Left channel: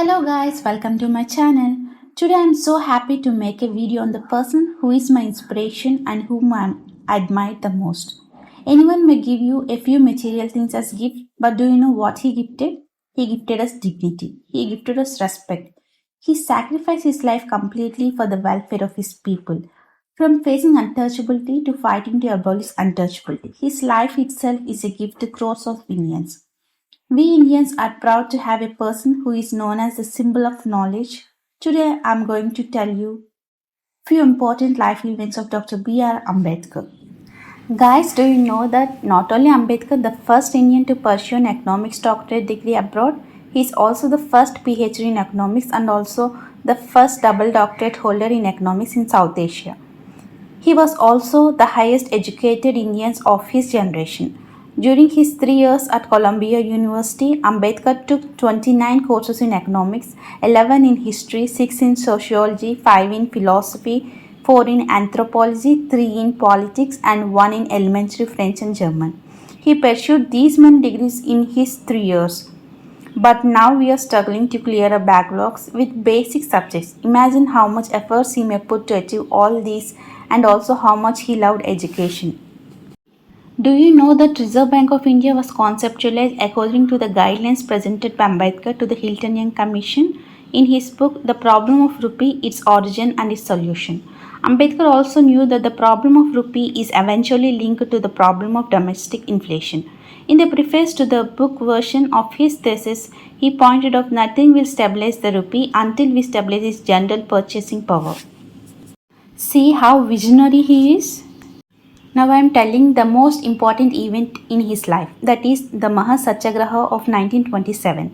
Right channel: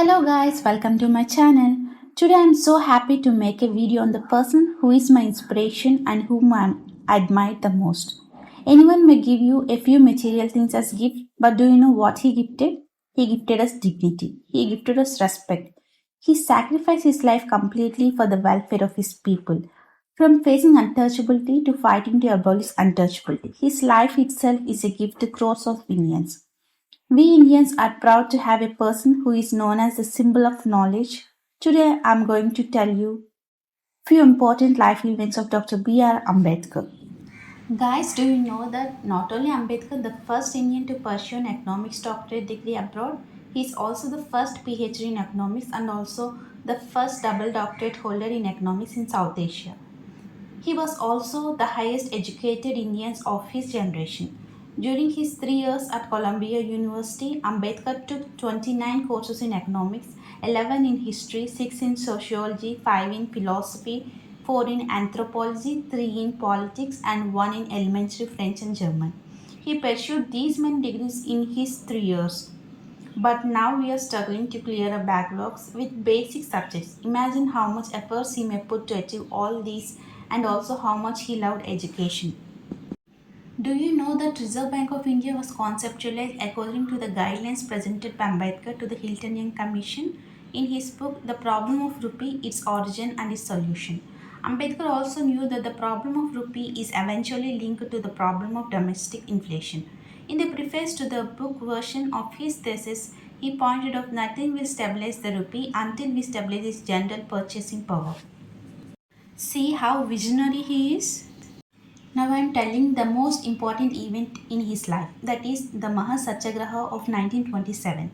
Hello guys, welcome to my channel. Today I'm so happy to make a video on the person who is my inspiration and whom I admire the most. Anyone may give you a few material things as gift, but do you know what he gifted? He gifted us dignity. He gifted us respect. He sacrificed his life completely for the welfare of his people. From facing untouchability to fighting to abolish untouchability, his life itself is a gift to crores of Indians. We Indians are proud to have a person who is known as the symbol of knowledge. Today I'm going to tell you few important life events of Dr. B.R. Ambedkar. Guys, do you know that not only Ambedkar, the first Indian to pursue an economics doctorate degree abroad, he is also the first PhD in economics and also the first double doctorate holder in economics in South Asia. He was also the highest educated Indian of his generation. During his 3 years at Columbia University, Ambedkar took 29 courses in economics, 11 in history, 6 in sociology, 5 in philosophy, 4 in anthropology, 3 in politics, and 1 in elementary French and German. He pursued these many degrees in his 3 years. But now we are struggling to clear our backlogs with basic subjects. Imagine how much efforts he may put to achieve all these and also how much he loved education. Do you know that Reserve Bank of India was conceptualized according to the guidelines presented by Ambedkar to the Hilton Young Commission in his book The Problem of Rupee, Its Origin and Its Solution? Ambedkar also knew that the problem of rupee is eventually linked to the problem of domestic inflation. In the preface to the book version of his thesis, he pointed out nothing will stabilize the rupee until we stabilize its general purchasing power. See how visionary he is? Now I am telling the most important event in his life, that is the Mahasatyagraha of 1927.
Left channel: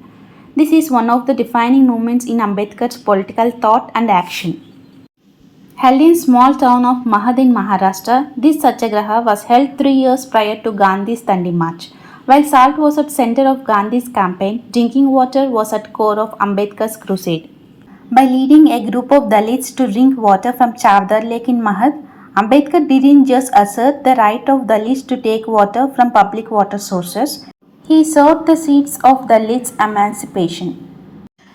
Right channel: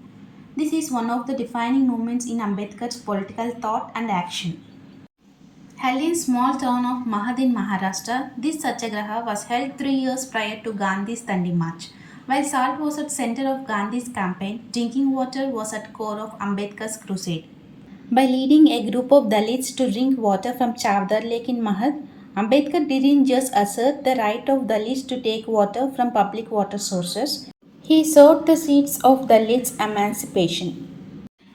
This is one of the defining moments in Ambedkar's political thought and action. Held in small town of Mahad in Maharashtra, this Satyagraha was held 3 years prior to Gandhi's Dandi March. While salt was at center of Gandhi's campaign, drinking water was at core of Ambedkar's crusade. By leading a group of Dalits to drink water from Chavdar Lake in Mahad, Ambedkar didn't just assert the right of Dalits to take water from public water sources, he sowed the seeds of Dalits' emancipation.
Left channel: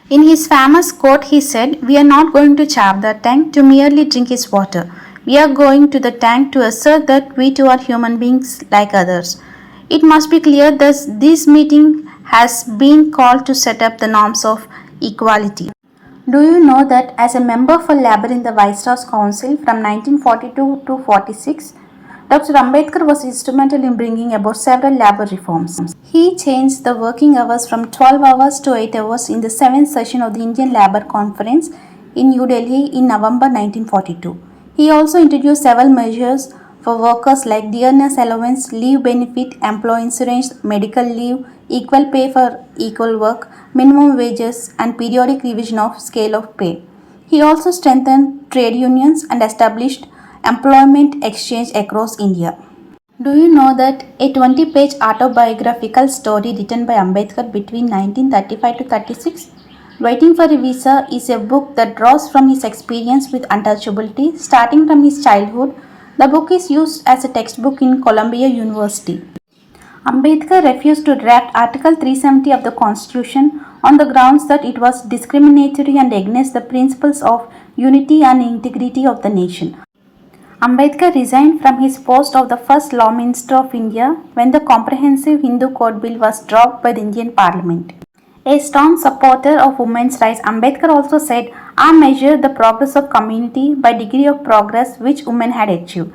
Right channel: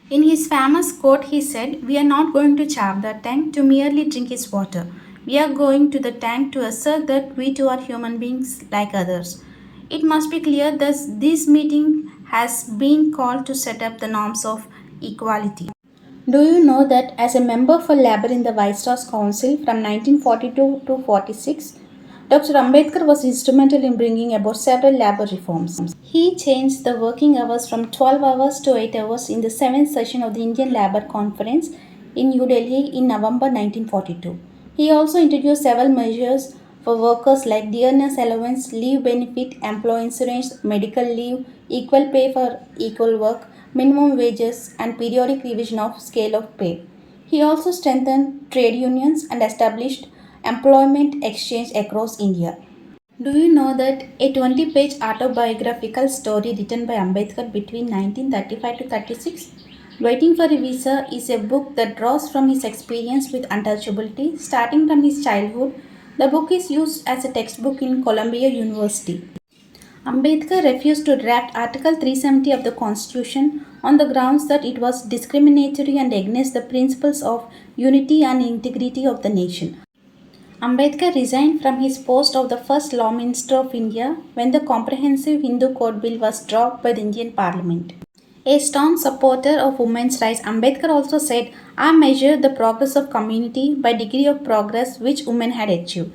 In his famous quote, he said, "We are not going to Chavdar tank to merely drink its water. We are going to the tank to assert that we too are human beings like others." It must be clear that this meeting has been called to set up the norms of equality. Do you know that as a member for Labour in the Viceroy's Council from 1942 to 46, Dr. Ambedkar was instrumental in bringing about several labour reforms. He changed the working hours from 12 hours to 8 hours in the 7th session of the Indian Labour Conference in New Delhi in November 1942. He also introduced several measures for workers like dearness allowance, leave benefit, employee insurance, medical leave, equal pay for equal work, minimum wages, and periodic revision of scale of pay. He also strengthened trade unions and established employment exchange across India. Do you know that a 20-page autobiographical story written by Ambedkar between 1935 to 36, Waiting for a Visa, is a book that draws from his experience with untouchability starting from his childhood. The book is used as a textbook in Columbia University. Ambedkar refused to draft Article 370 of the Constitution on the grounds that it was discriminatory and against the principles of unity and integrity of the nation. Ambedkar resigned from his post of the first Law Minister of India when the Comprehensive Hindu Code Bill was dropped by the Indian Parliament. A staunch supporter of women's rights, Ambedkar also said, "I measure the progress of community by degree of progress which women had achieved.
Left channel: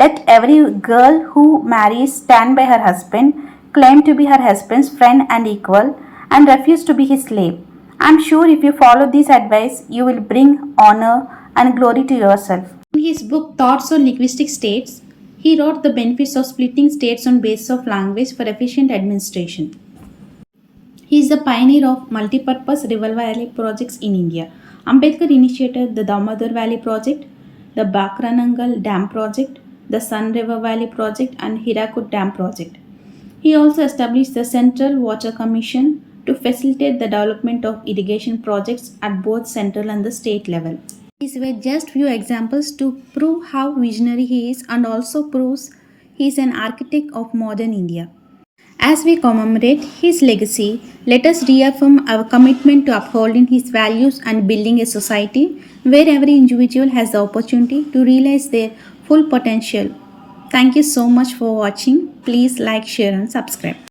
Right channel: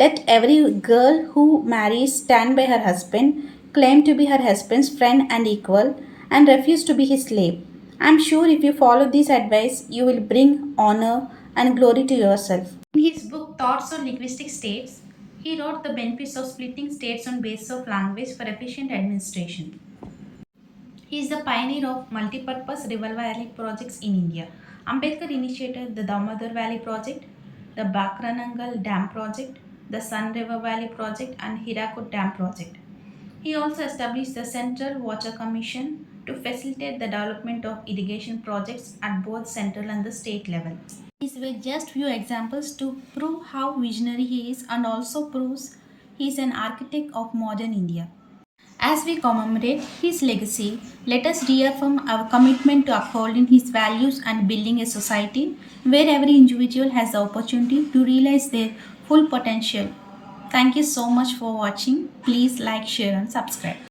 Let every girl who marries stand by her husband, claim to be her husband's friend and equal, and refuse to be his slave. I am sure if you follow this advice, you will bring honor and glory to yourself." In his book Thoughts on Linguistic States, he wrote the benefits of splitting states on basis of language for efficient administration. He is the pioneer of multipurpose river valley projects in India. Ambedkar initiated the Damodar Valley Project, the Bakranangal Dam Project, the Sun River Valley Project, and Hirakud Dam Project. He also established the Central Water Commission to facilitate the development of irrigation projects at both central and the state level. These were just few examples to prove how visionary he is and also proves he is an architect of modern India. As we commemorate his legacy, let us reaffirm our commitment to upholding his values and building a society where every individual has the opportunity to realize their full potential. Thank you so much for watching. Please like, share, and subscribe.